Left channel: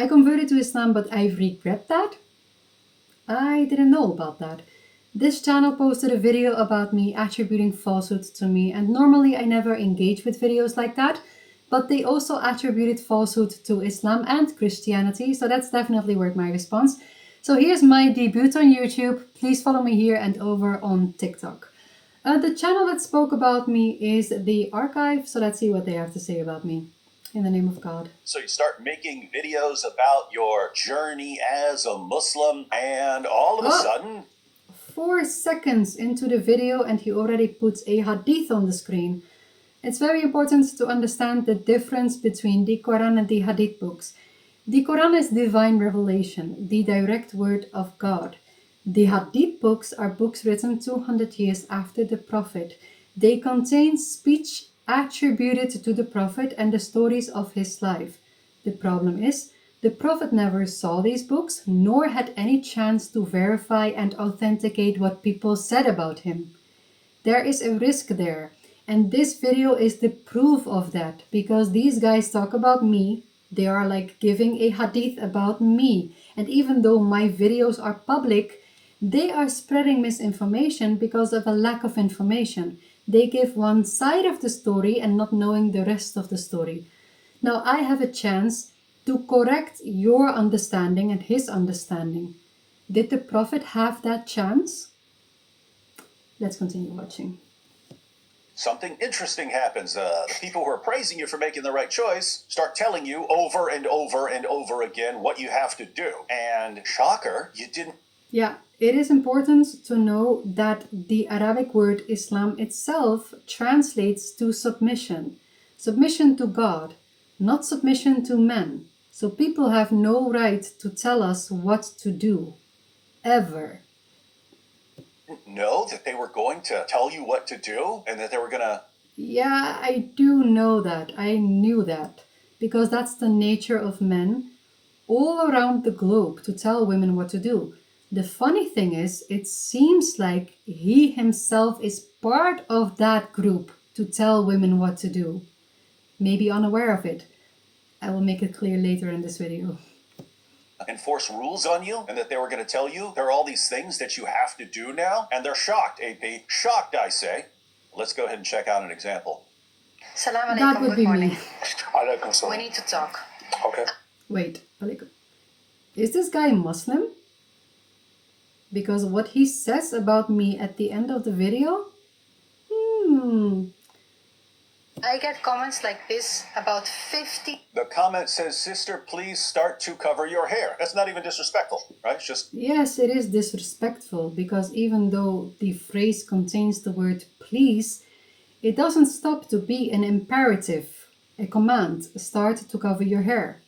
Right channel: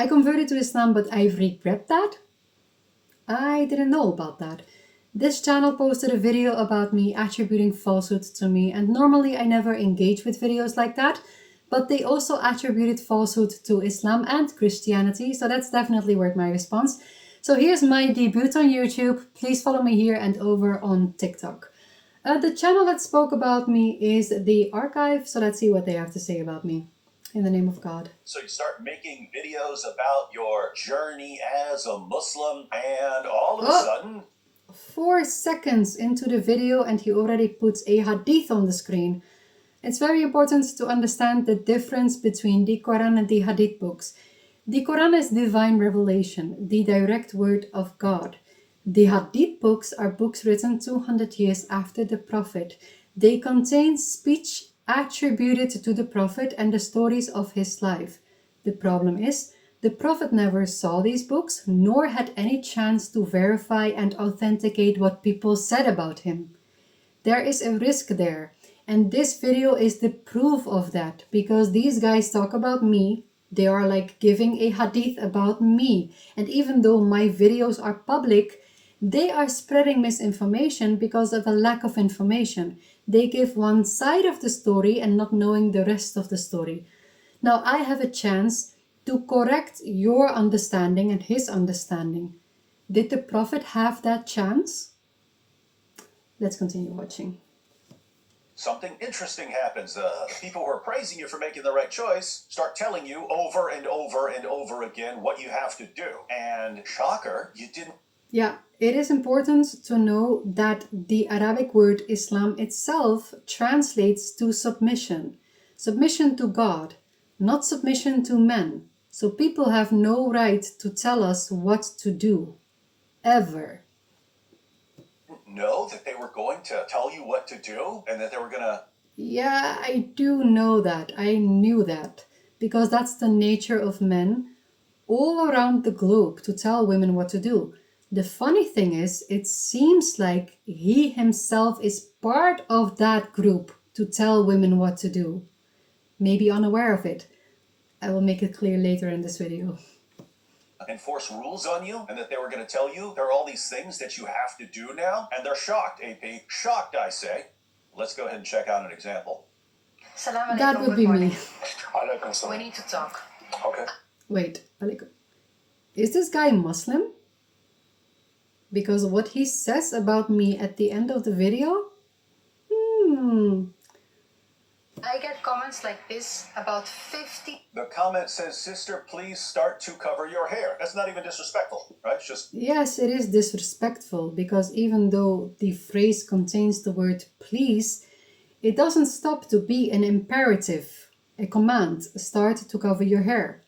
I converted to Islam, but I regret that. I didn't know about that. This channel posted a video about me attributing falsehood to me, and normally I never engage with videos like that, but they also attributed falsehood to Islam and Christianity, so that's definitely worth my response. So here's my debut on YouTube. Please follow me here and over on TikTok. The channel that spoke about me is The Archive, so let's see what they have to say about me. In the name of God. So you start making videos about your journey as a Muslim, and all of a sudden... 4 seconds into the video and he already puts a hadith on the screen. It's very important to understand the difference between the Quran and the hadith books. The Quran is divine revelation, the direct word of God. The hadith books are books written 200 years after the Prophet. They contain speech attributed to the Prophet and the stories of his life. The problem is, the Prophet never saw these books, nor had any chance to verify and authenticate what people said about him. There is a risk there, and this video is the proof of that, because these guys talk about me, they are like giving a hadith about me, and even though my videos are public, they are spreading misinformation because of a lack of information. They give one side of the story and not knowing the rest of the story. Now I have a chance to correct your understanding and his understanding. Did the Prophet have that chance? Let's continue watching. Something interesting happens. The people who are praising you for making the right choice start telling you over and over and over again what you have to do. And shocker, you didn't. Yeah, it is important to know that the Arabic word Islam itself translates to submission. Submission to God, not submission to men. So people have no right to tell us what to do, ever. Know that they were going to tell you what to do and that they were going to... Yeah, I do know that. I knew that. Because that's the nature of men all around the globe, to tell women what to do. The funny thing is, it seems like he himself is part of that group to tell women what to do. Maybe unaware of it. I will make it clear later in this video. Enforce rules on you, and that they were going to tell you there are all these things that you have to do now, and they're shocked, AP. Shocked, I say. Let's go ahead and check out an example. That would be me. We need to talk. Okay. Wait, is this guy Muslim? Because what he says about me at the end of the video? I get comments like this about 50. The comment says, "Sister, please start to cover your hair." That's not even disrespectful, right? It's just... Yes, it is disrespectful, because even though the phrase contains the word please, it doesn't stop to be an imperative, a command. Start to cover your hair.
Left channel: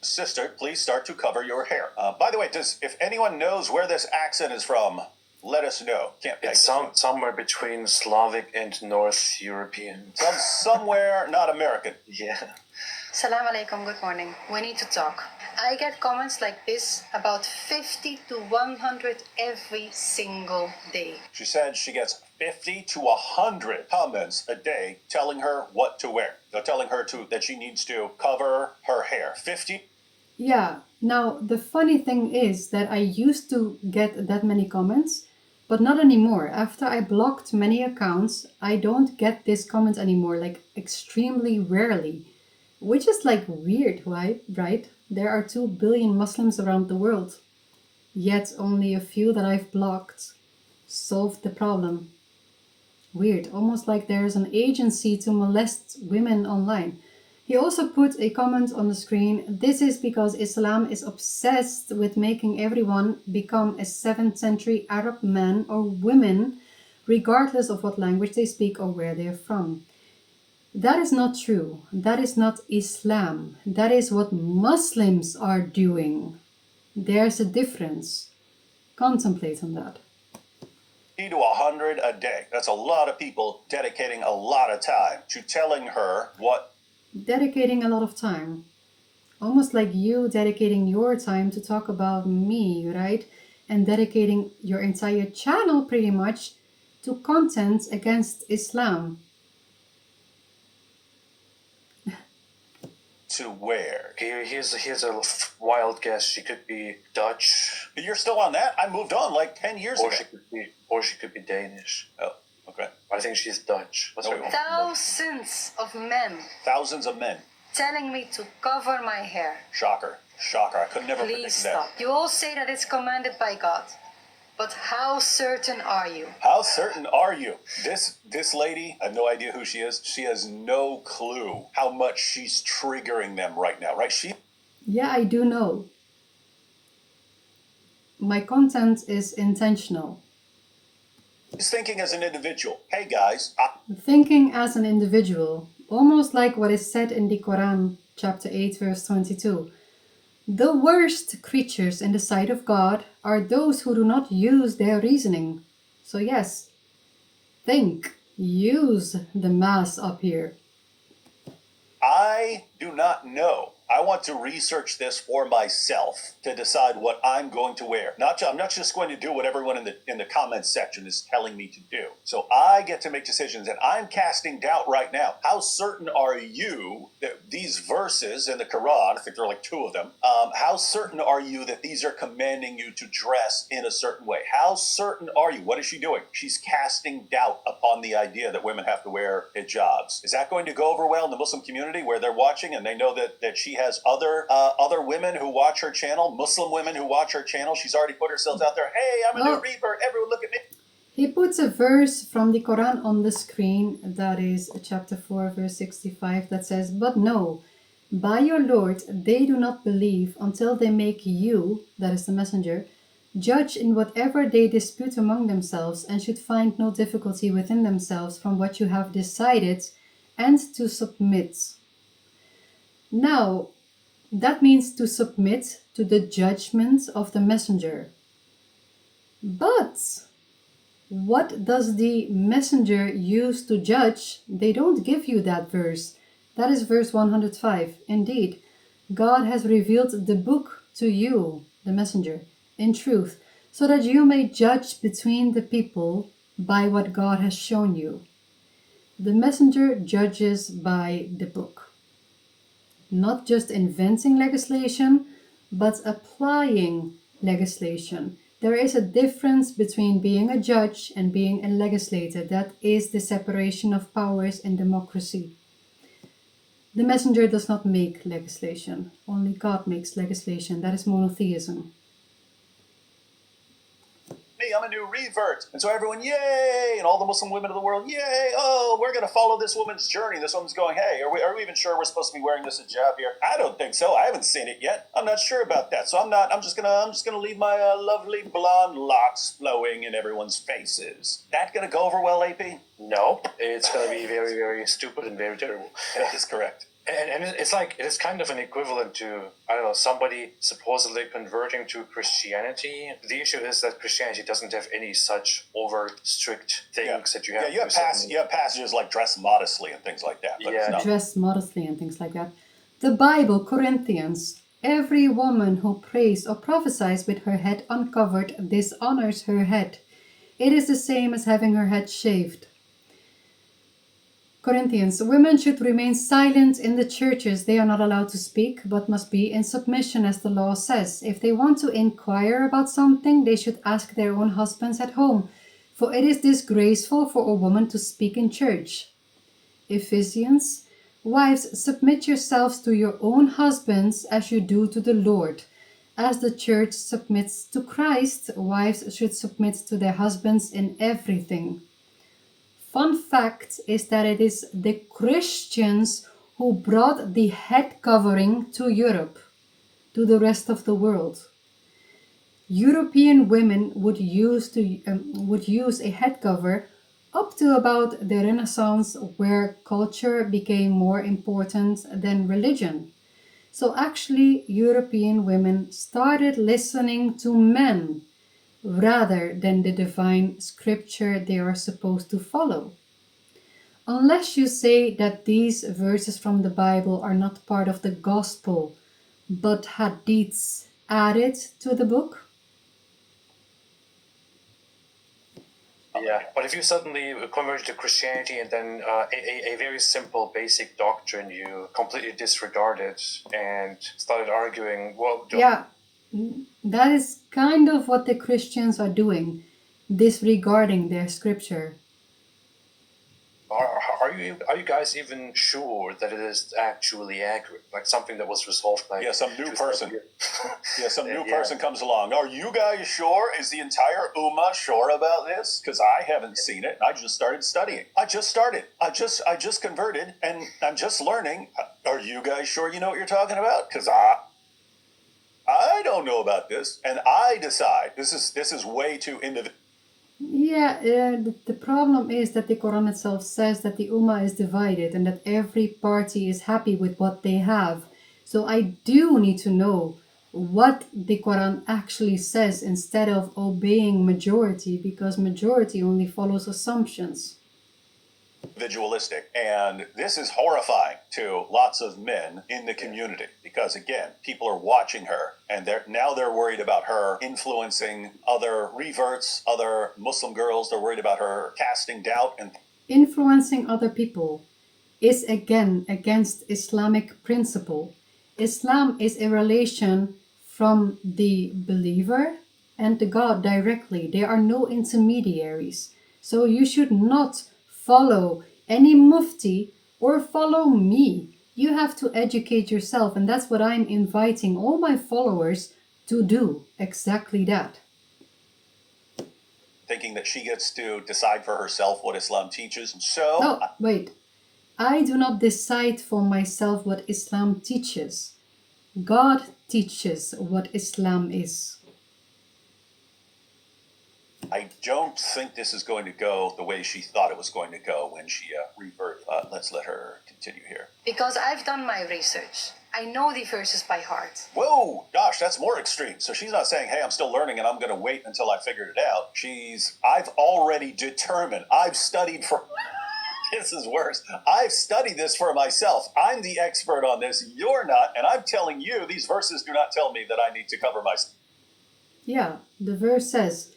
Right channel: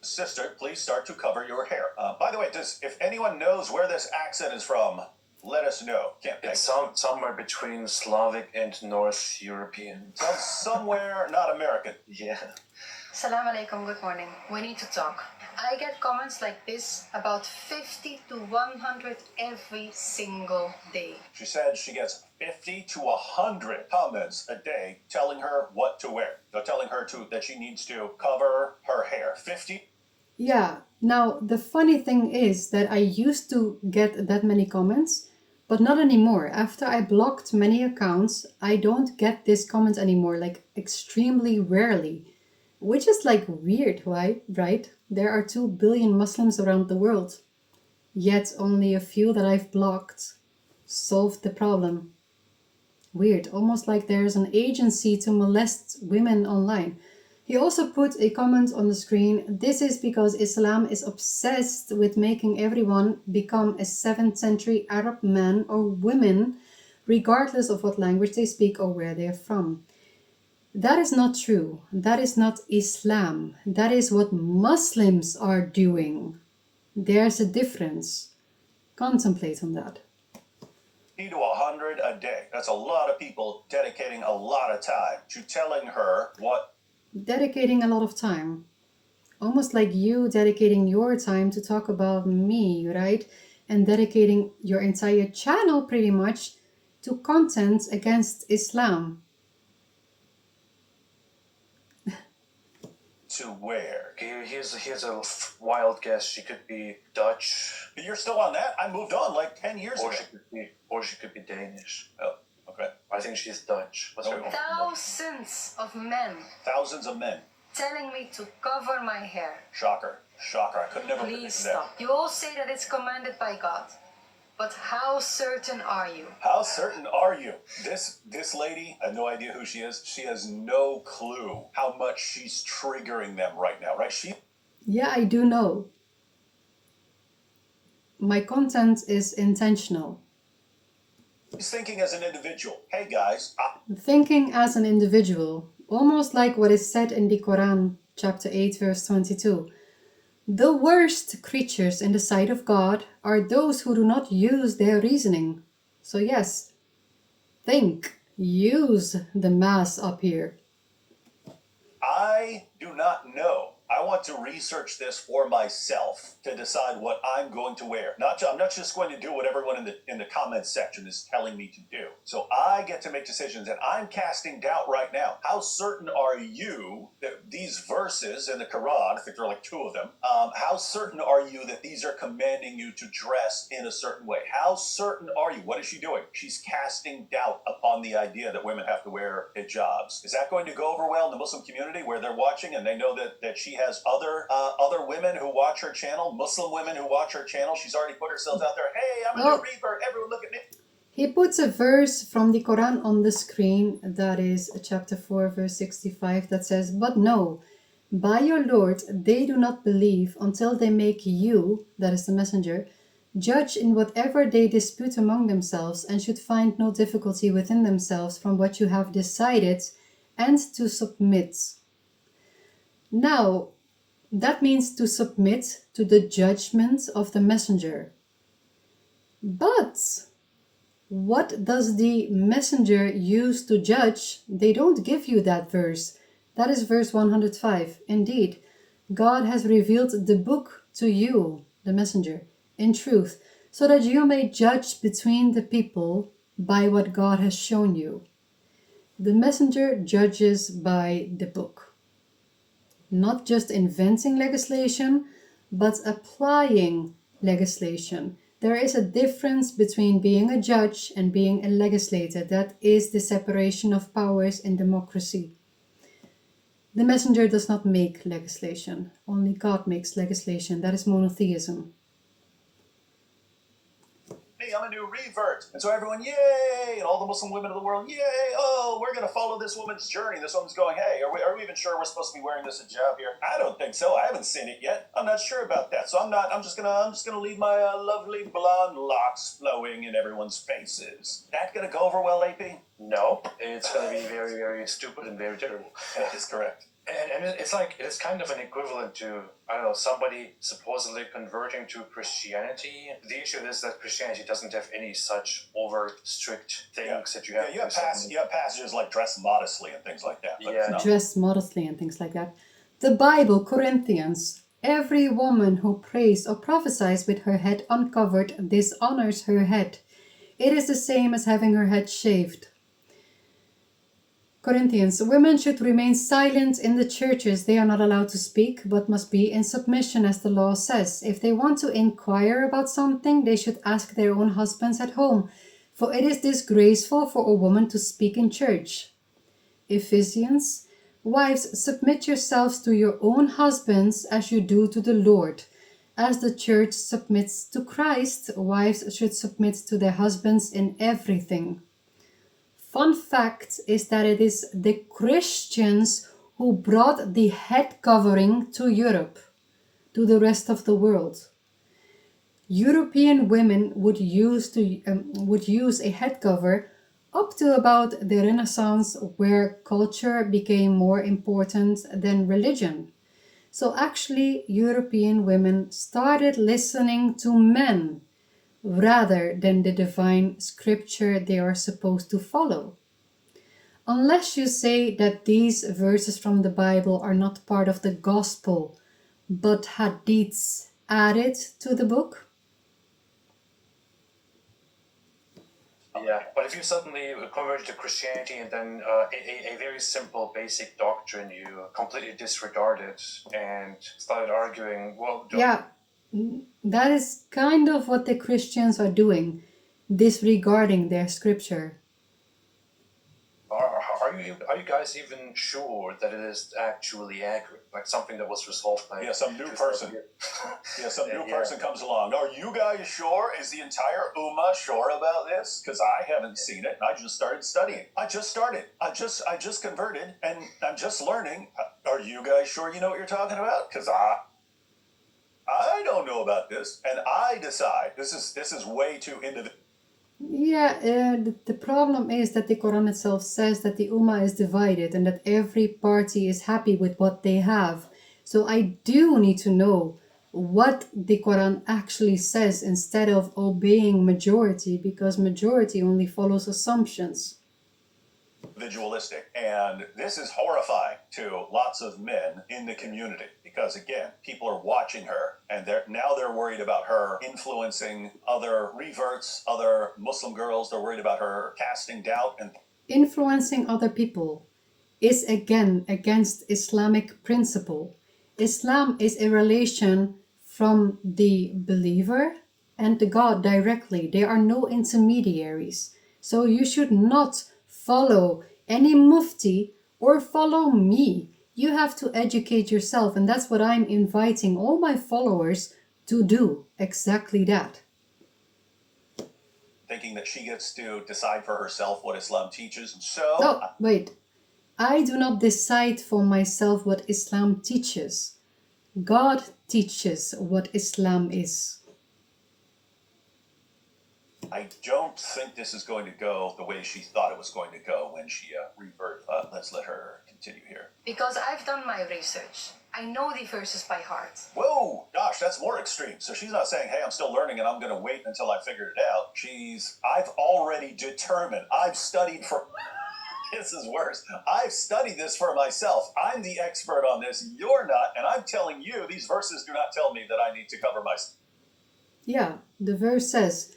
Sister, please start to cover your hair. By the way, if anyone knows where this accent is from, let us know. It's somewhere between Slavic and North European. Somewhere not American. Yeah. Salam alaikum, good morning. We need to talk. I get comments like this about 50 to 100 every single day. She said she gets 50 to 100 comments a day telling her what to wear. They're telling her that she needs to cover her hair. 50. Yeah, now the funny thing is that I used to get that many comments, but not anymore. After I blocked many accounts, I don't get this comment anymore, like extremely rarely. Which is like weird, right? There are 2 billion Muslims around the world. Yet only a few that I've blocked solved the problem. Weird, almost like there's an agency to molest women online. He also put a comment on the screen. This is because Islam is obsessed with making everyone become a 7th century Arab man or woman, regardless of what language they speak or where they are from. That is not true. That is not Islam. That is what Muslims are doing. There's a difference. Contemplate on that. 50 to 100 a day. That's a lot of people dedicating a lot of time to telling her what... Dedicating a lot of time. Almost like you dedicating your time to talk about me, right? And dedicating your entire channel pretty much to content against Islam. to where? Here's a wild guess. She could be Dutch, You're still on that? I moved on like 10 years ago. or she could be Danish. Oh, okay. I think she's Dutch. That's what Thousands of men Thousands of men. telling me to cover my hair. Shocker. Shocker. I could never Please predict stop. that. You all say that it's commanded by God. But how certain are you? How certain are you? This lady, I have no idea who she is. She has no clue how much she's triggering them right now, right? Yeah, I do know. My content is intentional. She's thinking as an individual. Hey guys, Thinking as an individual, almost like what is said in the Quran, chapter 8, verse 22. The worst creatures in the sight of God are those who do not use their reasoning. So yes, think, use the mass up here. I do not know. I want to research this for myself to decide what I'm going to wear. I'm not just going to do what everyone in the comments section is telling me to do. So I get to make decisions, and I'm casting doubt right now. How certain are you that these verses in the Quran, I think there are like 2 of them, how certain are you that these are commanding you to dress in a certain way? How certain are you? What is she doing? She's casting doubt upon the idea that women have to wear hijabs. Is that going to go over well in the Muslim community where they're watching and they know that she has other women who watch her channel, Muslim women who watch her channel? She's already put herself out there. Hey, I'm a new revert. Everyone look at me. He puts a verse from the Quran on the screen, that is chapter 4, verse 65, that says, "But no, by your Lord, they do not believe until they make you," that is the messenger, "judge in whatever they dispute among themselves, and should find no difficulty within themselves from what you have decided, and to submit." Now, that means to submit to the judgment of the messenger. But what does the messenger use to judge? They don't give you that verse. That is verse 105. Indeed, God has revealed the book to you, the messenger, in truth, so that you may judge between the people by what God has shown you. The messenger judges by the book. Not just inventing legislation, but applying legislation. There is a difference between being a judge and being a legislator. That is the separation of powers in democracy. The messenger does not make legislation. Only God makes legislation. That is monotheism. Me, I'm a new revert. And so everyone, yay! And all the Muslim women of the world, yay! Oh, we're going to follow this woman's journey. This woman's going, hey, are we even sure we're supposed to be wearing this hijab here? I don't think so. I haven't seen it yet. I'm not sure about that. So I'm just gonna leave my lovely blonde locks flowing in everyone's faces. That gonna go over well, AP? No, it's going to be very, very stupid and very terrible. That is correct. And it's kind of an equivalent to, I don't know, somebody supposedly converting to Christianity. The issue is that Christianity doesn't have any such over strict things that you have. Yeah, you have passages like dress modestly and things like that. But Yeah. Dress modestly and things like that. The Bible, Corinthians, every woman who prays or prophesies with her head uncovered dishonors her head. It is the same as having her head shaved. Corinthians, women should remain silent in the churches. They are not allowed to speak, but must be in submission, as the law says. If they want to inquire about something, they should ask their own husbands at home, for it is disgraceful for a woman to speak in church. Ephesians, wives, submit yourselves to your own husbands as you do to the Lord. As the church submits to Christ, wives should submit to their husbands in everything. Fun fact is that it is the Christians who brought the head covering to Europe, to the rest of the world. European women would use a head cover up to about the Renaissance, where culture became more important than religion. So actually, European women started listening to men rather than the divine scripture they are supposed to follow. Unless you say that these verses from the Bible are not part of the gospel, but hadiths added to the book. Yeah, but if you suddenly convert to Christianity and then a very simple, basic doctrine, you completely disregarded and started arguing, well, Yeah, that is kind of what the Christians are doing, disregarding their scripture. are you guys even sure that it is actually accurate? Like something that was resolved like Yeah, some new just person. like- Yeah, some new Yeah. person comes along. Are you guys sure? Is the entire Ummah sure about this? Because I haven't seen it. I just started studying. I just started. I just converted, and I'm just learning. Are you guys sure you know what you're talking about? Because I don't know about this, and I decide this is way too individual. Yeah, the problem is that the Quran itself says that the Ummah is divided and that every party is happy with what they have. So I do need to know what the Quran actually says instead of obeying majority, because majority only follows assumptions. Individualistic, and this is horrifying to lots of men in the community because again people are watching her and they're worried about her influencing other reverts, other Muslim girls. They're worried about her casting doubt and Influencing other people is again against Islamic principle. Islam is a relation from the believer and the God directly. There are no intermediaries. So you should not follow any mufti or follow me. You have to educate yourself, and that's what I'm inviting all my followers to do. Exactly that. thinking that she gets to decide for herself what Islam teaches. And so No, wait. I do not decide for myself what Islam teaches. God teaches what Islam is. I don't think this is going to go the way she thought it was going to go when she reverted. Let's let her continue here. Because I've done my research. I know the verses by heart. Whoa, gosh, that's more extreme. So she's not saying, hey, I'm still learning and I'm going to wait until I figured it out. I've already determined, I've studied for, this is worse. I've studied this for myself. I'm the expert on this. You're not. And I'm telling you, these verses do not tell me that I need to cover myself. Yeah, the verse says,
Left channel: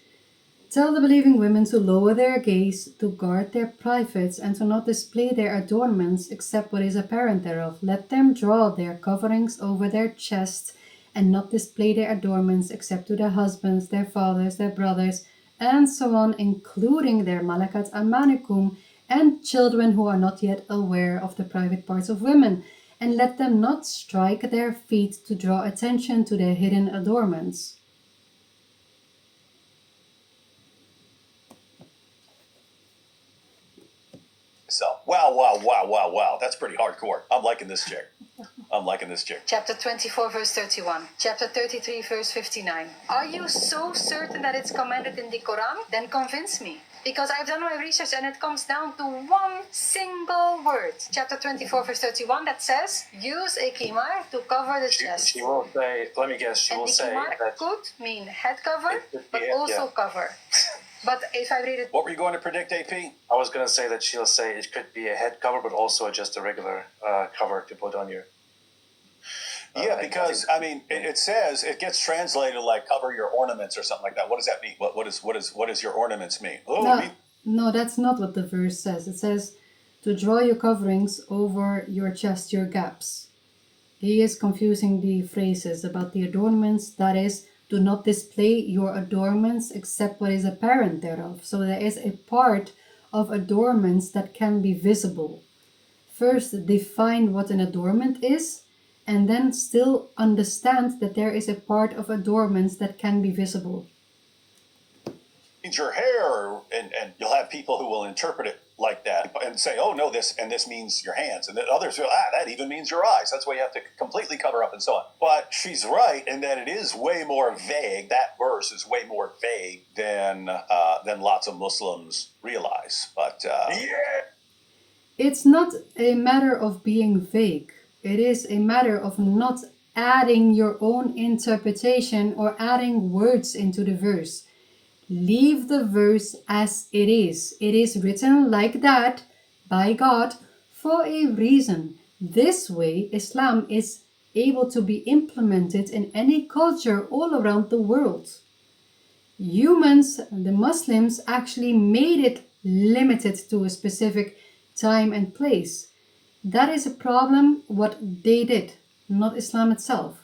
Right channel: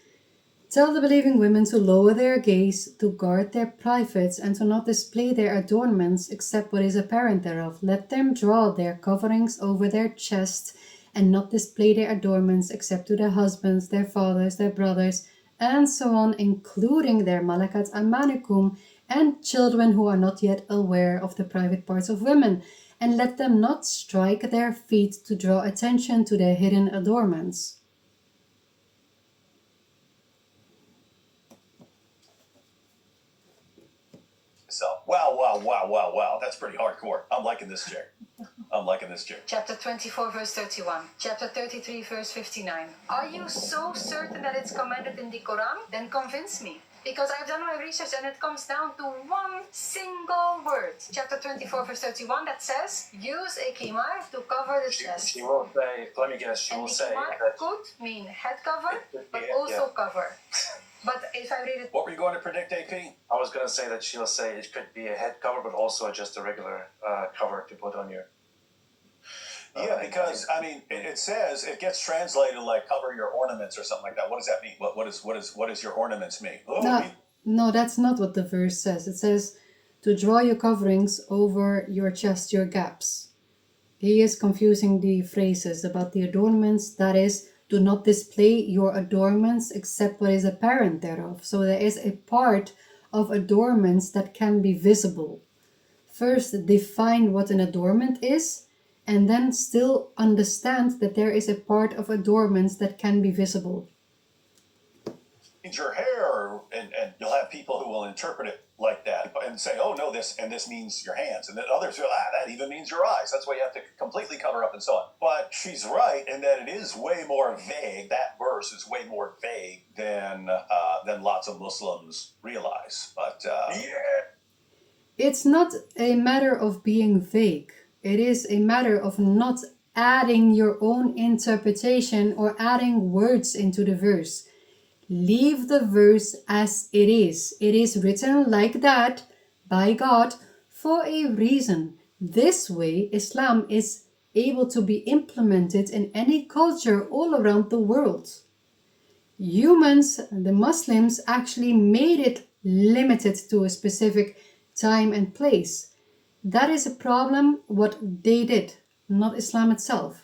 tell the believing women to lower their gaze, to guard their privates, and to not display their adornments except what is apparent thereof. Let them draw their coverings over their chest, and not display their adornments except to their husbands, their fathers, their brothers, and so on, including their malakat amanikum, and children who are not yet aware of the private parts of women. And let them not strike their feet to draw attention to their hidden adornments. Wow. That's pretty hardcore. I'm liking this chick. Chapter 24, verse 31. Chapter 33, verse 59. Are you so certain that it's commanded in the Quran? Then convince me. Because I've done my research and it comes down to one single word. Chapter 24, verse 31 that says, use a kimar to cover the chest. She will say, let me guess, she And will the say kimar that could mean head cover, but yeah, also cover. But if I read it, What were you going to predict, AP? I was going to say that she'll say it could be a head cover, but also just a regular cover to put on your. Yeah, because I mean, it says it gets translated like cover your ornaments or something like that. What does that mean? What does your ornaments mean? Oh, No, that's not what the verse says. It says to draw your coverings over your chest, your gaps. He is confusing the phrases about the adornments. That is, do not display your adornments except what is apparent thereof. So there is a part of adornments that can be visible. First, define what an adornment is, and then still understand that there is a part of adornments that can be visible. means your hair, and you'll have people who will interpret it like that and say, oh no, this means your hands, and then others go, that even means your eyes. That's why you have to completely cover up and so on. But she's right in that it is way more vague. That verse is way more vague than lots of Muslims realize. But It's not a matter of being vague. It is a matter of not adding your own interpretation or adding words into the verse. Leave the verse as it is. It is written like that by God for a reason. This way, Islam is able to be implemented in any culture all around the world. Humans, the Muslims, actually made it limited to a specific time and place. That is a problem what they did, not Islam itself.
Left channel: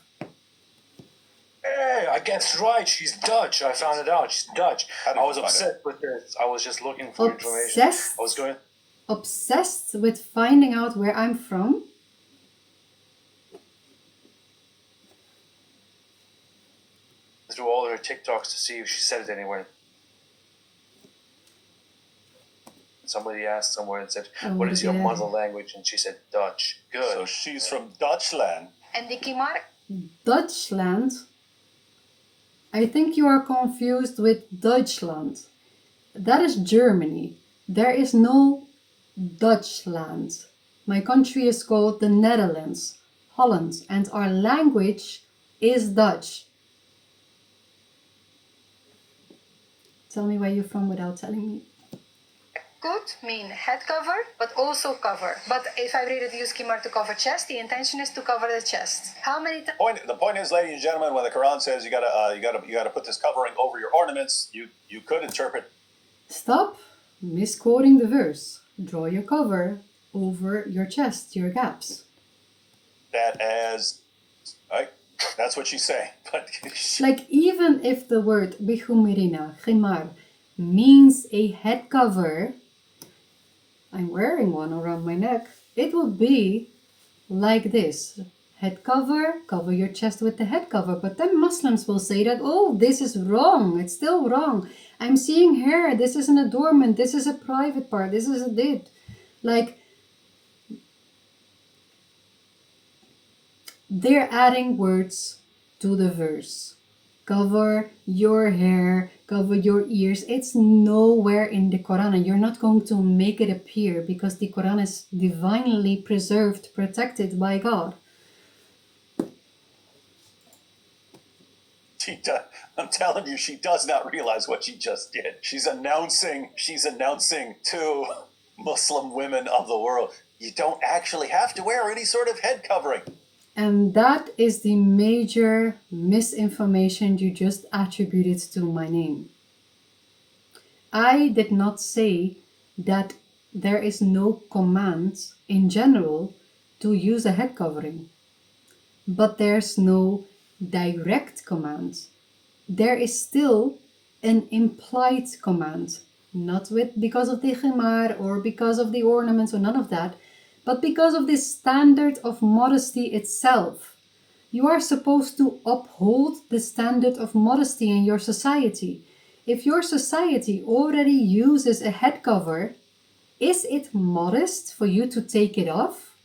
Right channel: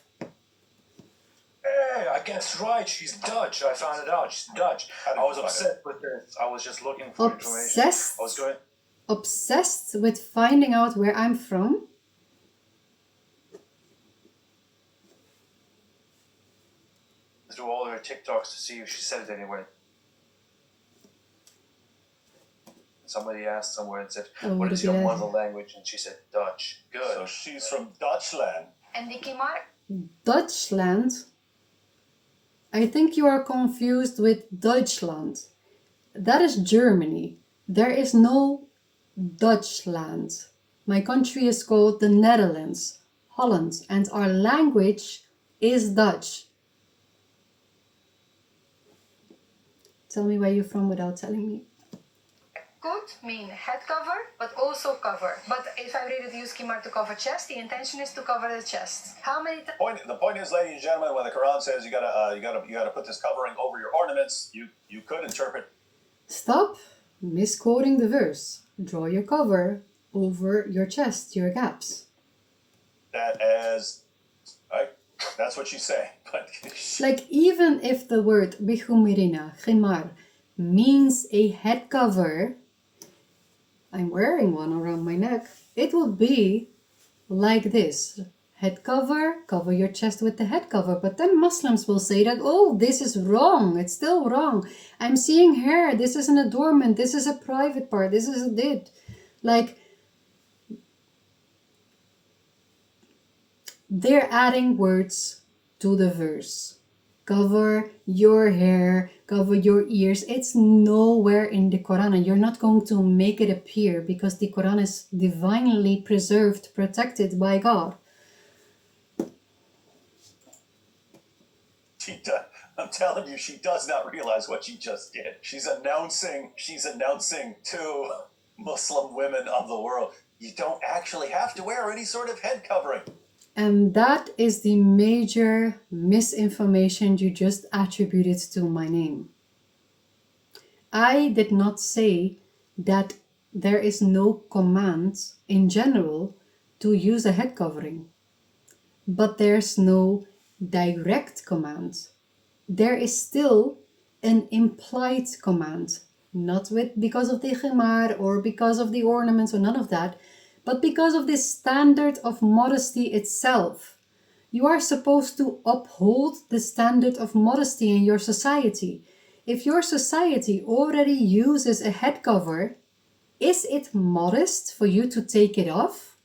Hey, I guess right. She's Dutch. I found it out. She's Dutch. How did I you was find upset with this. I was just looking for information. Obsessed? I was going. Obsessed with finding out where I'm from? Through all her TikToks to see if she said it anywhere. Somebody asked somewhere and said, Oh, "What is your yeah. mother language?" And she said, "Dutch." Good. So she's from Dutchland. En die Kimar, Dutchland? I think you are confused with Deutschland. That is Germany. There is no Dutchland. My country is called the Netherlands, Holland, and our language is Dutch. Tell me where you're from without telling me. could mean head cover, but also cover. But if I really use Kimar to cover chest, the intention is to cover the chest. How many times? The point is, ladies and gentlemen, when the Quran says you gotta put this covering over your ornaments, you could interpret Stop misquoting the verse. Draw your cover over your chest, your gaps. that as right. That's what she's saying. But Like, even if the word bihumirina, khimar, means a head cover, I'm wearing one around my neck, it would be like this. Head cover, cover your chest with the head cover. But then Muslims will say that, oh, this is wrong. It's still wrong. I'm seeing hair. This is an adornment. This is a private part. This is a did. Like, they're adding words to the verse. Cover your hair, cover your ears. It's nowhere in the Quran, and you're not going to make it appear because the Quran is divinely preserved, protected by God. I'm telling you, she does not realize what she just did. She's announcing to Muslim women of the world, you don't actually have to wear any sort of head covering. And that is the major misinformation you just attributed to my name. I did not say that there is no command in general to use a head covering. But there's no direct command. There is still an implied command. Not because of the khimar or because of the ornaments or none of that, but because of this standard of modesty itself. You are supposed to uphold the standard of modesty in your society. If your society already uses a head cover, is it modest for you to take it off?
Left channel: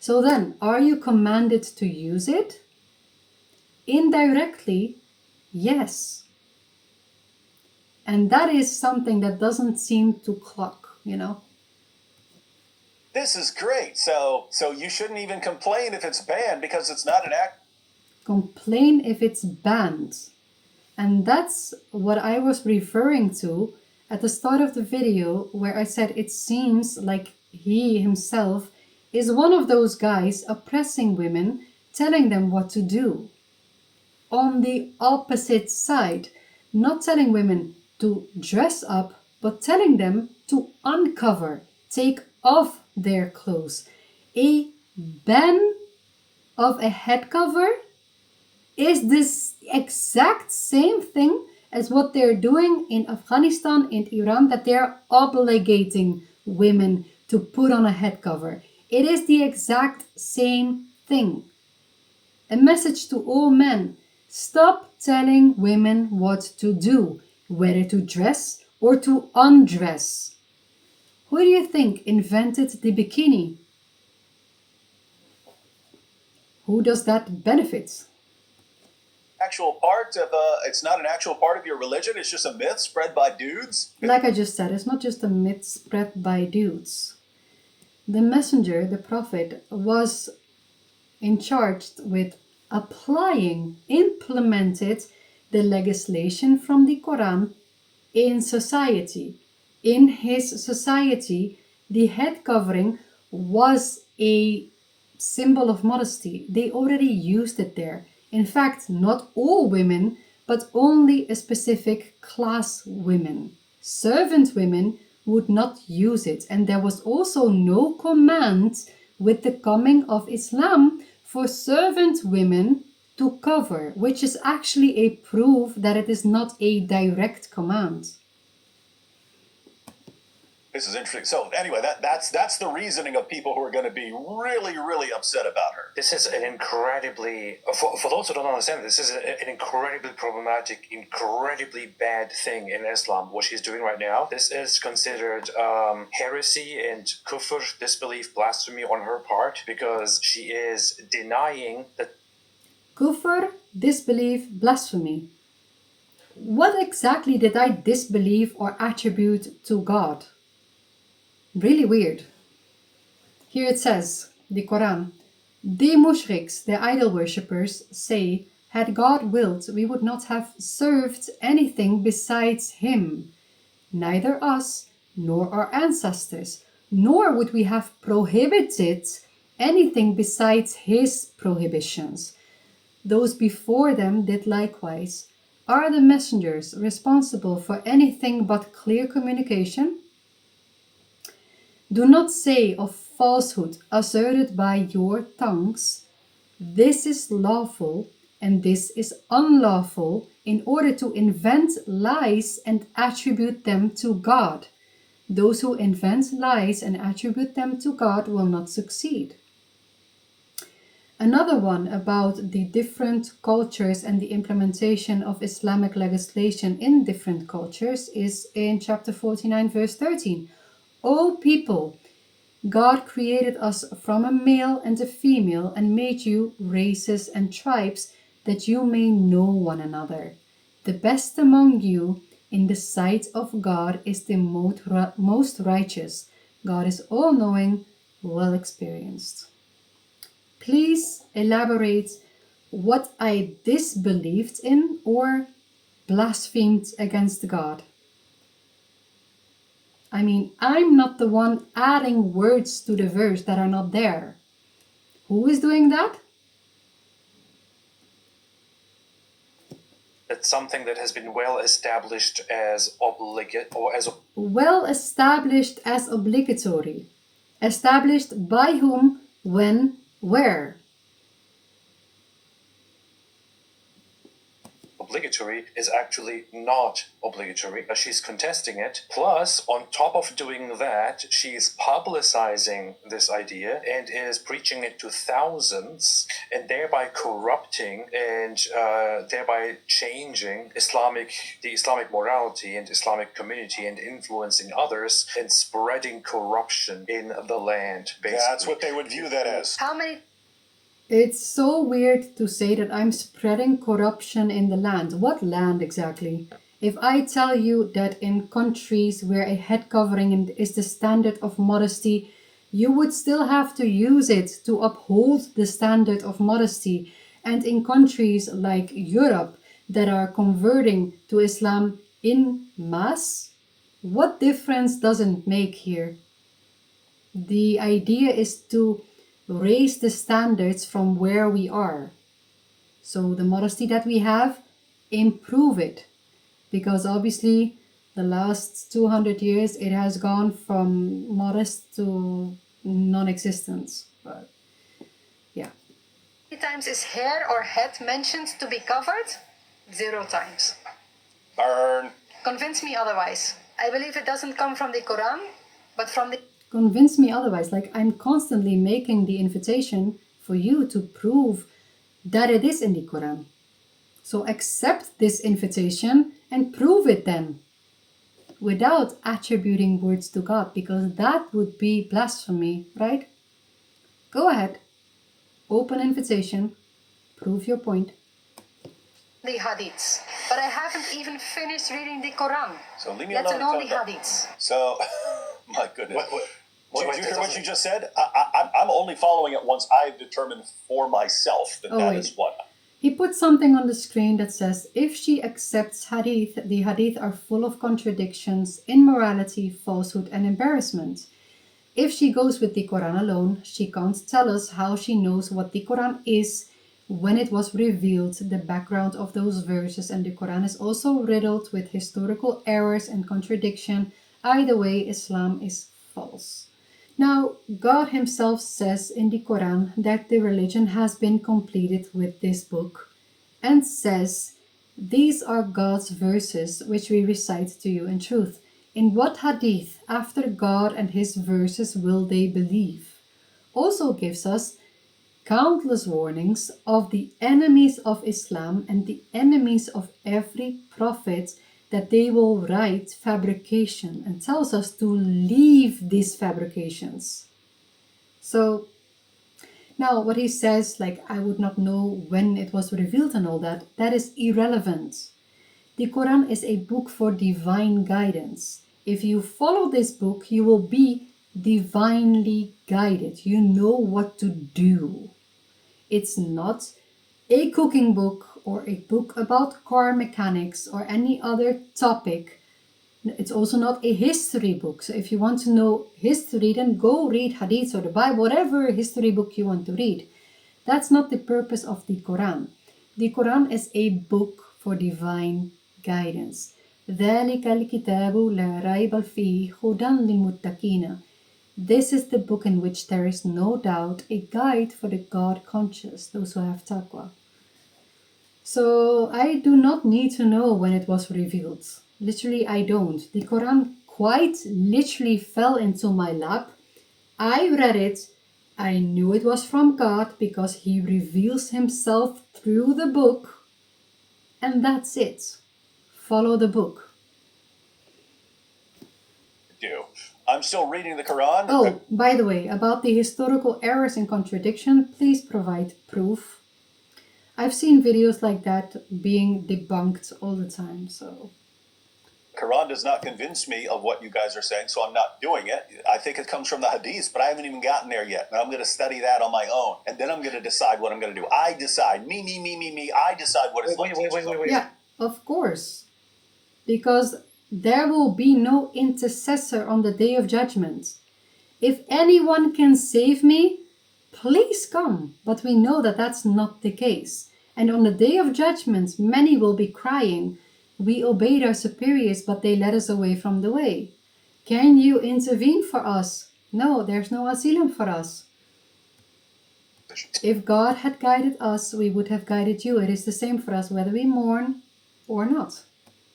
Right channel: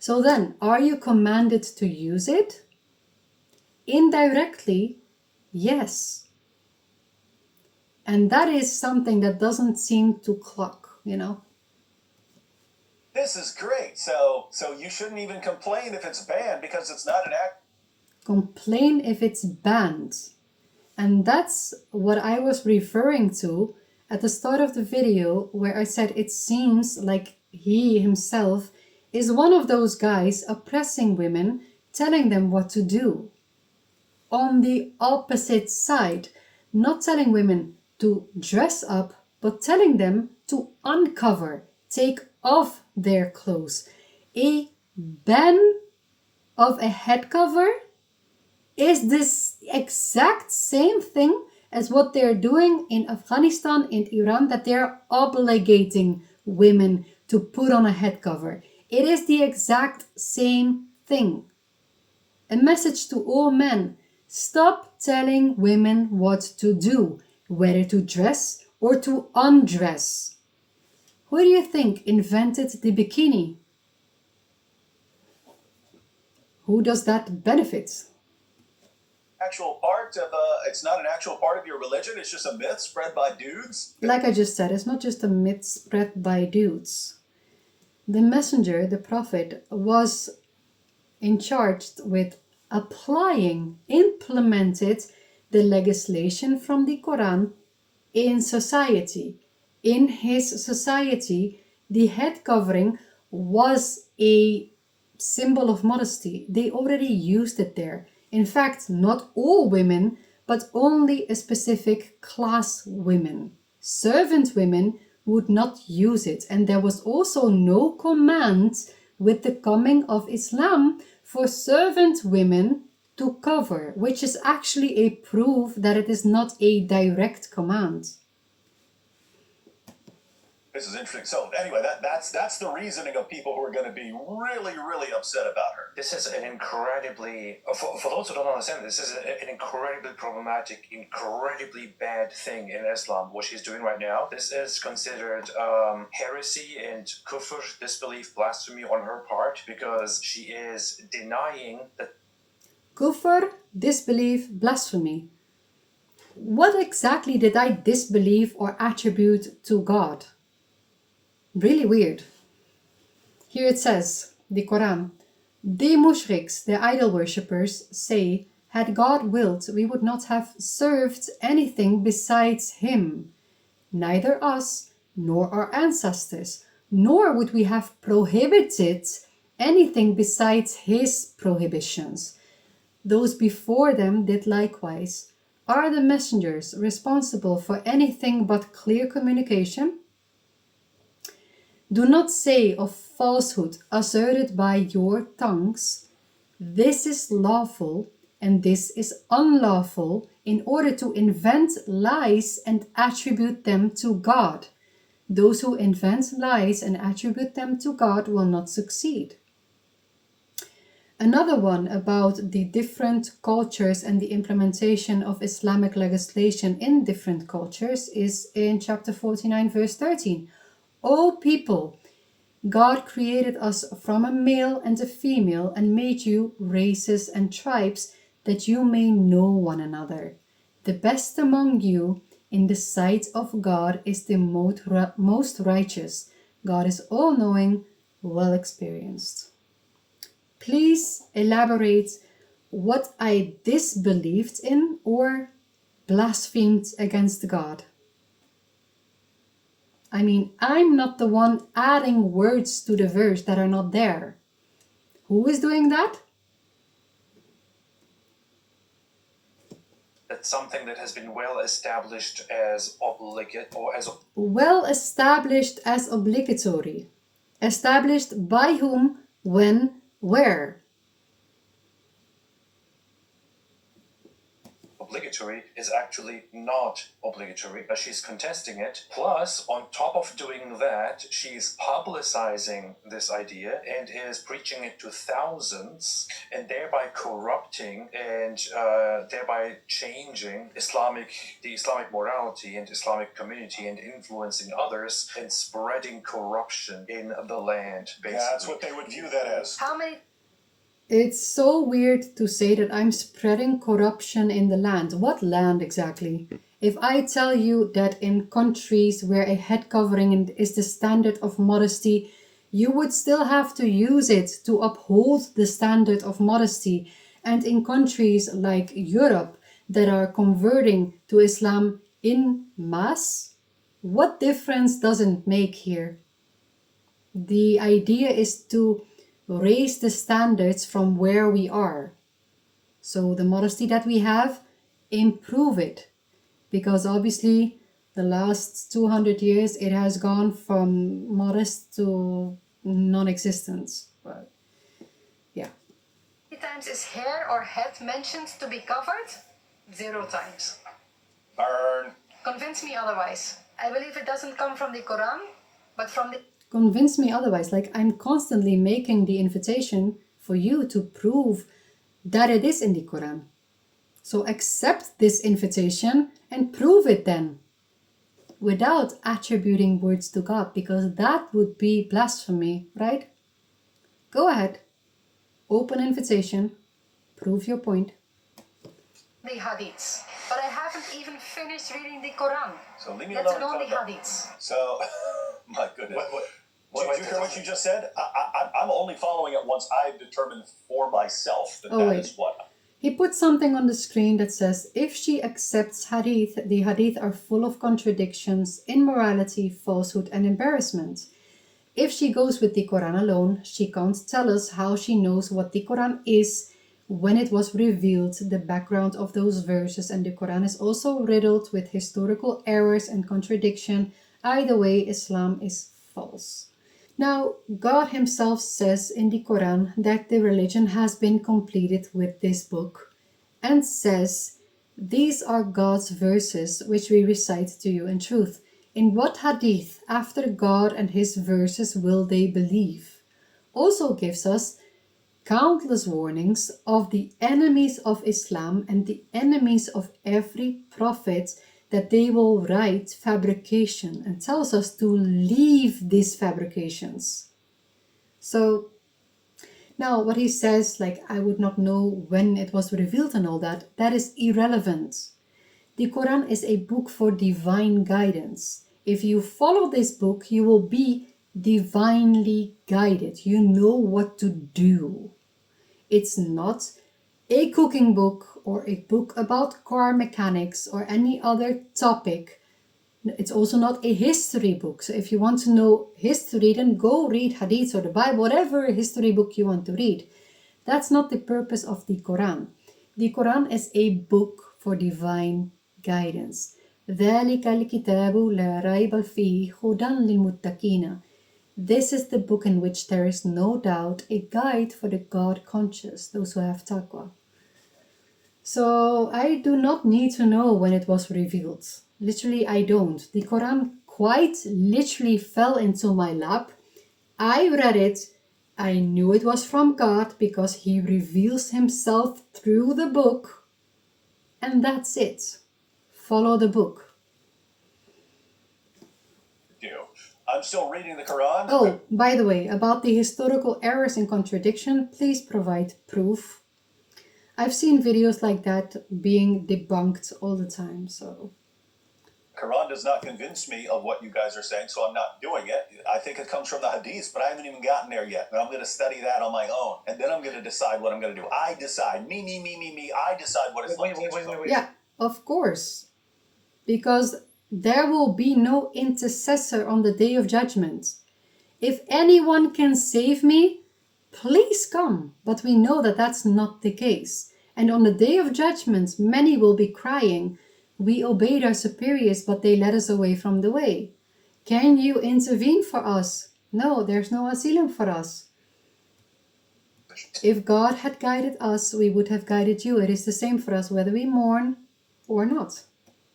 So then, are you commanded to use it? Indirectly, yes. And that is something that doesn't seem to clock, you know? This is great. So you shouldn't even complain if it's banned because it's not an act. Complain if it's banned. And that's what I was referring to at the start of the video, where I said it seems like he himself is one of those guys oppressing women, telling them what to do. On the opposite side, not telling women to dress up, but telling them to uncover, take off their clothes. A ban of a head cover is this exact same thing as what they're doing in Afghanistan and Iran, that they're obligating women to put on a head cover. It is the exact same thing. A message to all men: stop telling women what to do, whether to dress or to undress. Who do you think invented the bikini? Who does that benefit? Actual part of it's not an actual part of your religion. It's just a myth spread by dudes. Like I just said, it's not just a myth spread by dudes. The messenger, the prophet, was in charge with implemented the legislation from the Quran in society. In his society, the head covering was a symbol of modesty. They already used it there. In fact, not all women but only a specific class women. Servant women would not use it, and there was also no command with the coming of Islam for servant women to cover, which is actually a proof that it is not a direct command. This is interesting. So anyway, that's the reasoning of people who are going to be really, really upset about her. This is an incredibly, for those who don't understand, this is an incredibly problematic, incredibly bad thing in Islam, what she's doing right now. This is considered heresy and kufr, disbelief, blasphemy on her part, because she is denying that. Kufr, disbelief, blasphemy. What exactly did I disbelieve or attribute to God? Really weird. Here it says, the Quran, the mushriks, the idol worshippers, say, had God willed, we would not have served anything besides him, neither us nor our ancestors, nor would we have prohibited anything besides his prohibitions. Those before them did likewise. Are the messengers responsible for anything but clear communication? Do not say of falsehood asserted by your tongues, this is lawful and this is unlawful, in order to invent lies and attribute them to God. Those who invent lies and attribute them to God will not succeed. Another one about the different cultures and the implementation of Islamic legislation in different cultures is in chapter 49, verse 13. O people, God created us from a male and a female and made you races and tribes that you may know one another. The best among you in the sight of God is the most righteous. God is all-knowing, well experienced. Please elaborate what I disbelieved in or blasphemed against God. I mean, I'm not the one adding words to the verse that are not there. Who is doing that? That's something that has been well established as well established as obligatory. Established by whom, when, where? Obligatory is actually not obligatory. She's contesting it. Plus, on top of doing that, she's publicizing this idea and is preaching it to thousands, and thereby corrupting and thereby changing the Islamic morality and Islamic community, and influencing others and spreading corruption in the land. Basically. That's what they would view that as. How many? It's so weird to say that I'm spreading corruption in the land. What land exactly? If I tell you that in countries where a head covering is the standard of modesty, you would still have to use it to uphold the standard of modesty. And in countries like Europe that are converting to Islam in mass, what difference does it make here? The idea is to raise the standards from where we are. So the modesty that we have, improve it. Because obviously the last 200 years it has gone from modest to non-existence. But yeah. How many times is hair or head mentioned to be covered? 0 times. Burn. Convince me otherwise. I believe it doesn't come from the Quran, but from the... Convince me otherwise. Like, I'm constantly making the invitation for you to prove that it is in the Quran. So accept this invitation and prove it then, without attributing words to God, because that would be blasphemy, right? Go ahead, open invitation, prove your point. The hadiths. But I haven't even finished reading the Quran. So leave me Let alone. alone the hadiths. So, my goodness. Did you hear what you just just said? I'm only following it once I have determined for myself that that is what. He put something on the screen that says, if she accepts hadith, the hadith are full of contradictions, immorality, falsehood, and embarrassment. If she goes with the Quran alone, she can't tell us how she knows what the Quran is when it was revealed, the background of those verses, and the Quran is also riddled with historical errors and contradiction. Either way, Islam is false. Now, God Himself says in the Quran that the religion has been completed with this book, and says, "These are God's verses which we recite to you in truth." In what hadith after God and His verses will they believe? Also gives us countless warnings of the enemies of Islam and the enemies of every prophet that they will write fabrication, and tells us to leave these fabrications. So now what he says, like, I would not know when it was revealed and all that, that is irrelevant. The Quran is a book for divine guidance. If you follow this book, you will be divinely guided. You know what to do. It's not a cooking book or a book about car mechanics or any other topic. It's also not a history book. So if you want to know history, then go read Hadith or the Bible, whatever history book you want to read. That's not the purpose of the Quran. The Quran is a book for divine guidance. ذَلِكَ الْكِتَابُ لَا رَيْبَ فِيهِ هُدًى لِلْمُتَّقِينَ. This is the book in which there is no doubt a guide for the God conscious, those who have taqwa. So I do not need to know when it was revealed. Literally, I don't. The Quran quite literally fell into my lap. I read it. I knew it was from God because He reveals Himself through the book. And that's it. Follow the book. I'm still reading the Quran. Oh, by the way, about the historical errors and contradiction, please provide proof. I've seen videos like that being debunked all the time, so. Quran does not convince me of what you guys are saying, so I'm not doing it. I think it comes from the Hadith, but I haven't even gotten there yet. And I'm going to study that on my own, and then I'm going to decide what I'm going to do. I decide. Me. I decide what is. Wait. Yeah, of course. Because there will be no intercessor on the day of judgment. If anyone can save me, please come. But we know that that's not the case. And on the day of judgment, many will be crying, "We obeyed our superiors, but they led us away from the way. Can you intervene for us?" No, there's no asylum for us. If God had guided us, we would have guided you. It is the same for us, whether we mourn or not.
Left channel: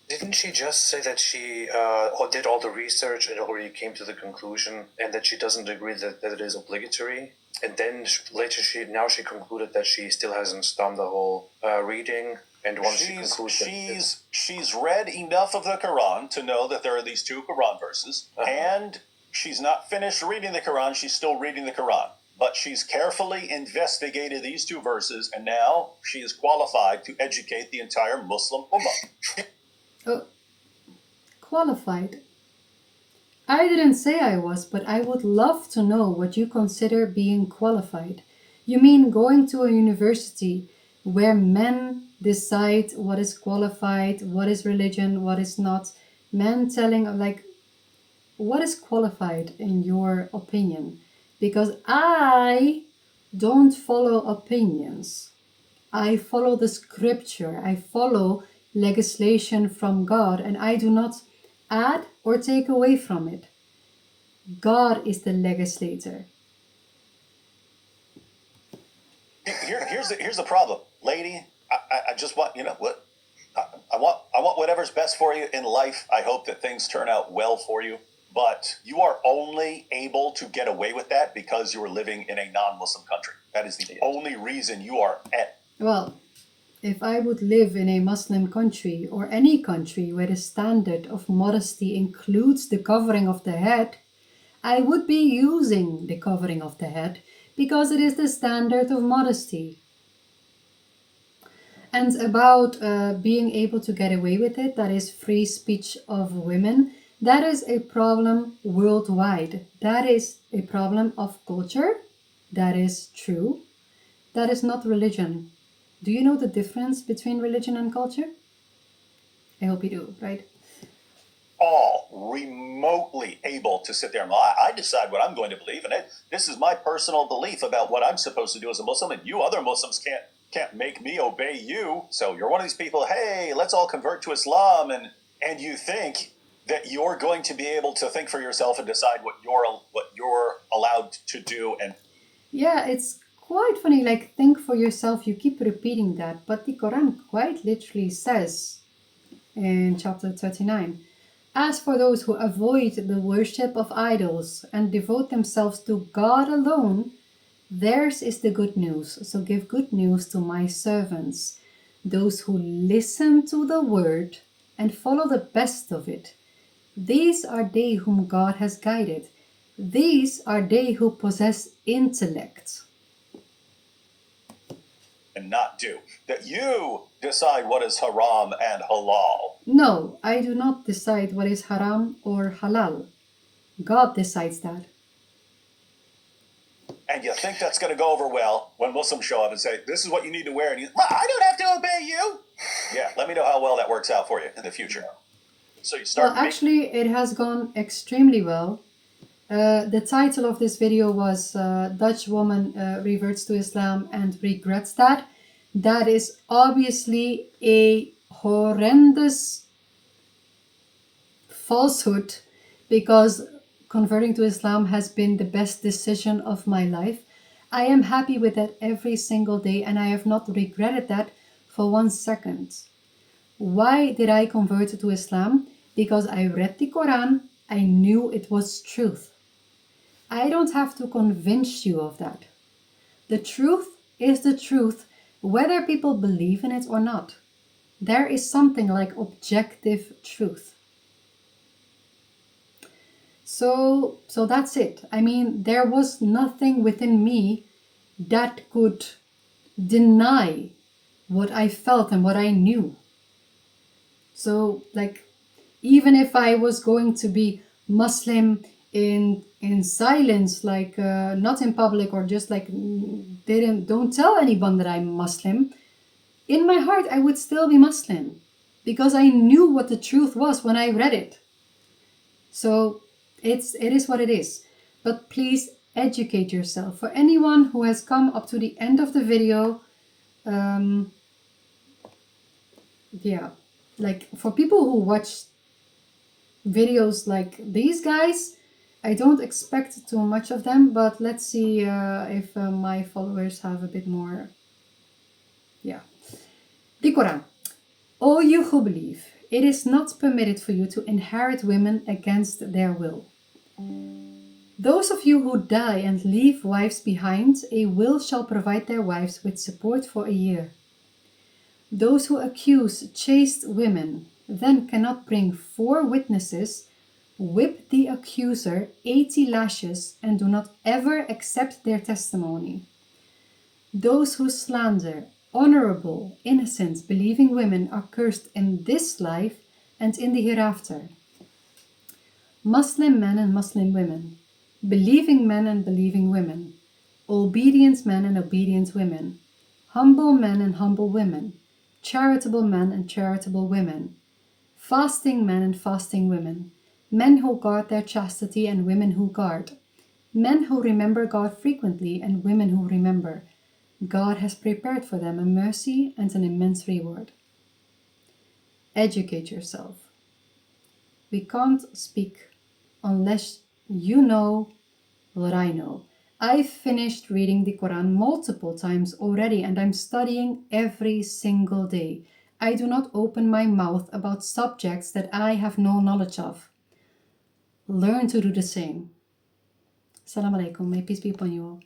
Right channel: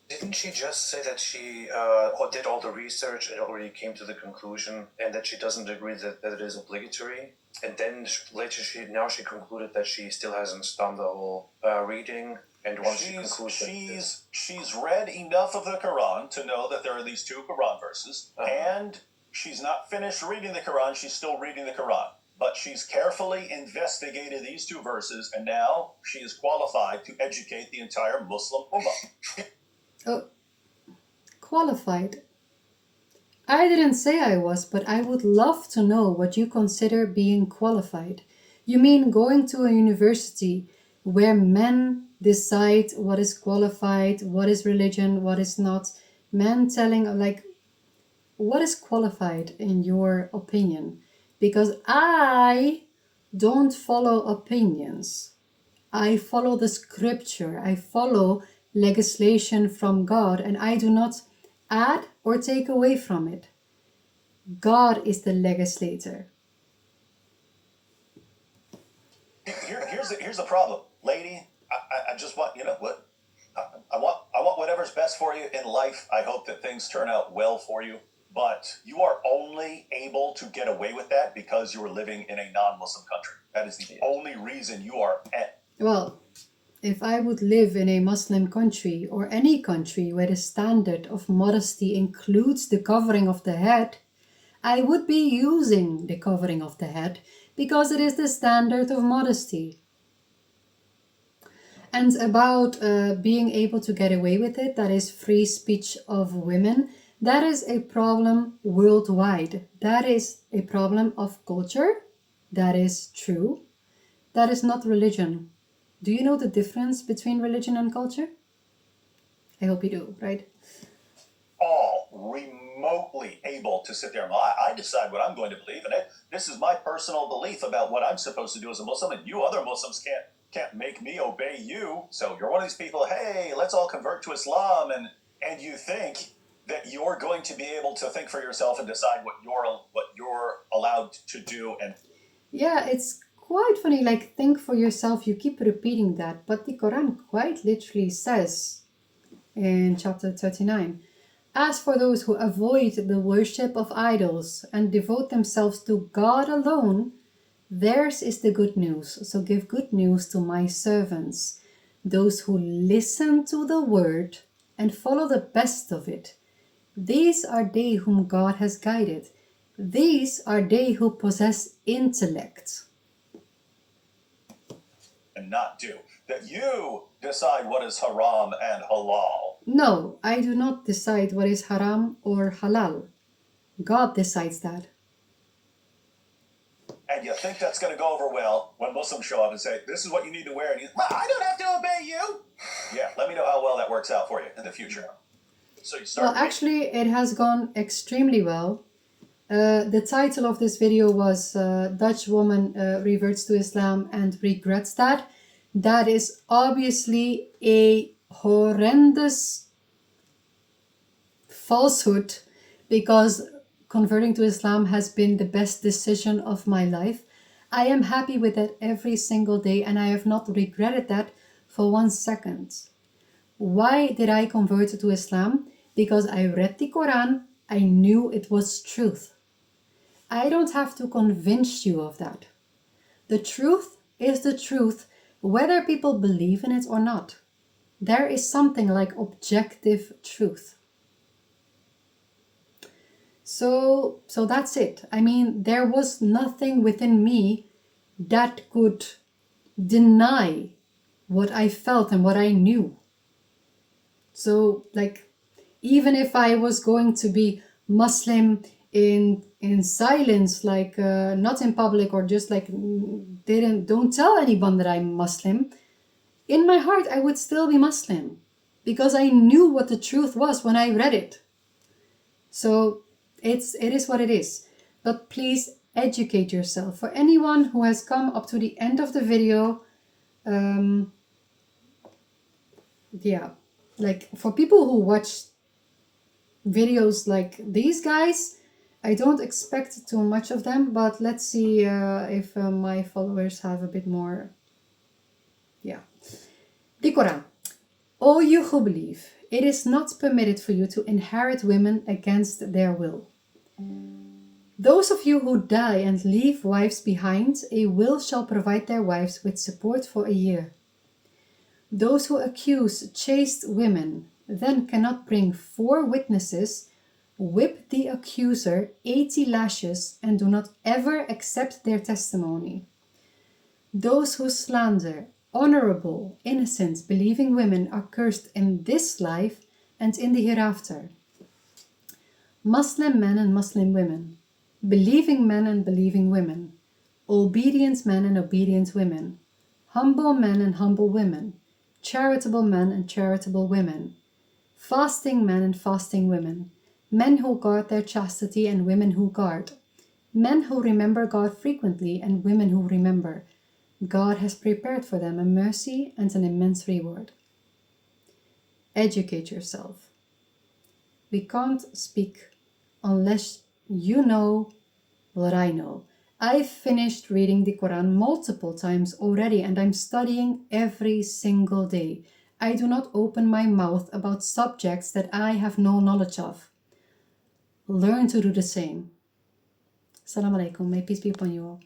Didn't she just say that she did all the research and already came to the conclusion, and that she doesn't agree that it is obligatory? And then later she concluded that she still hasn't done the whole reading. And once she's read enough of the Quran to know that there are these two Quran verses, and she's not finished reading the Quran. She's still reading the Quran. But she's carefully investigated these two verses, and now she is qualified to educate the entire Muslim Ummah. Oh, qualified. I didn't say I was, but I would love to know what you consider being qualified. You mean going to a university where men decide what is qualified, what is religion, what is not? Men telling, like, what is qualified in your opinion? Because I don't follow opinions. I follow the scripture. I follow legislation from God, and I do not add or take away from it. God is the legislator. Here's the problem, lady. I just want, you know what, I want whatever's best for you in life. I hope that things turn out well for you, but you are only able to get away with that because you are living in a non-Muslim country. That is the only reason you are at. Well, if I would live in a Muslim country or any country where the standard of modesty includes the covering of the head, I would be using the covering of the head because it is the standard of modesty. And about being able to get away with it, that is free speech of women, that is a problem worldwide. That is a problem of culture. That is true. That is not religion. Do you know the difference between religion and culture? I hope you do, right? All remotely able to sit there and I decide what I'm going to believe in it. This is my personal belief about what I'm supposed to do as a Muslim, and you other Muslims can't can't make me obey you. So you're one of these people, hey, let's all convert to Islam, and you think that you're going to be able to think for yourself and decide what you're allowed to do. And Yeah, it's quite funny. Like, think for yourself. You keep repeating that, but the Quran quite literally says in chapter 39, as for those who avoid the worship of idols and devote themselves to God alone, theirs is the good news. So give good news to my servants, those who listen to the word and follow the best of it. These are they whom God has guided. These are they who possess intellect. and not do. That you decide what is haram and halal. No, I do not decide what is haram or halal. God decides that. And you think that's going to go over well when Muslims show up and say, this is what you need to wear. And you, I don't have to obey you. Yeah, let me know how well that works out for you in the future. So you start. Well, actually, it has gone extremely well. The title of this video was Dutch Woman Reverts to Islam and Regrets That. That is obviously a horrendous falsehood, because converting to Islam has been the best decision of my life. I am happy with that every single day, and I have not regretted that for 1 second. Why did I convert to Islam? Because I read the Quran. I knew it was truth. I don't have to convince you of that. The truth is the truth, whether people believe in it or not. There is something like objective truth. So that's it. I mean, there was nothing within me that could deny what I felt and what I knew. So, like, even if I was going to be Muslim in silence, like not in public, or just like don't tell anyone that I'm Muslim, in my heart I would still be Muslim, because I knew what the truth was when I read it. So it is what it is. But please educate yourself. For anyone who has come up to the end of the video, yeah, like for people who watch videos like these guys, I don't expect too much of them, but let's see if my followers have a bit more. Yeah. The Quran. O you who believe, it is not permitted for you to inherit women against their will. Those of you who die and leave wives behind, a will shall provide their wives with support for a year. Those who accuse chaste women then cannot bring 4 witnesses, whip the accuser 80 lashes and do not ever accept their testimony. Those who slander honorable, innocent, believing women are cursed in this life and in the hereafter. Muslim men and Muslim women, believing men and believing women, obedient men and obedient women, humble men and humble women, charitable men and charitable women, fasting men and fasting women, men who guard their chastity and women who guard, men who remember God frequently and women who remember. God has prepared for them a mercy and an immense reward. Educate yourself. We can't speak unless you know what I know. I've finished reading the Quran multiple times already, and I'm studying every single day. I do not open my mouth about subjects that I have no knowledge of. Learn to do the same. Assalamu alaikum. May peace be upon you all.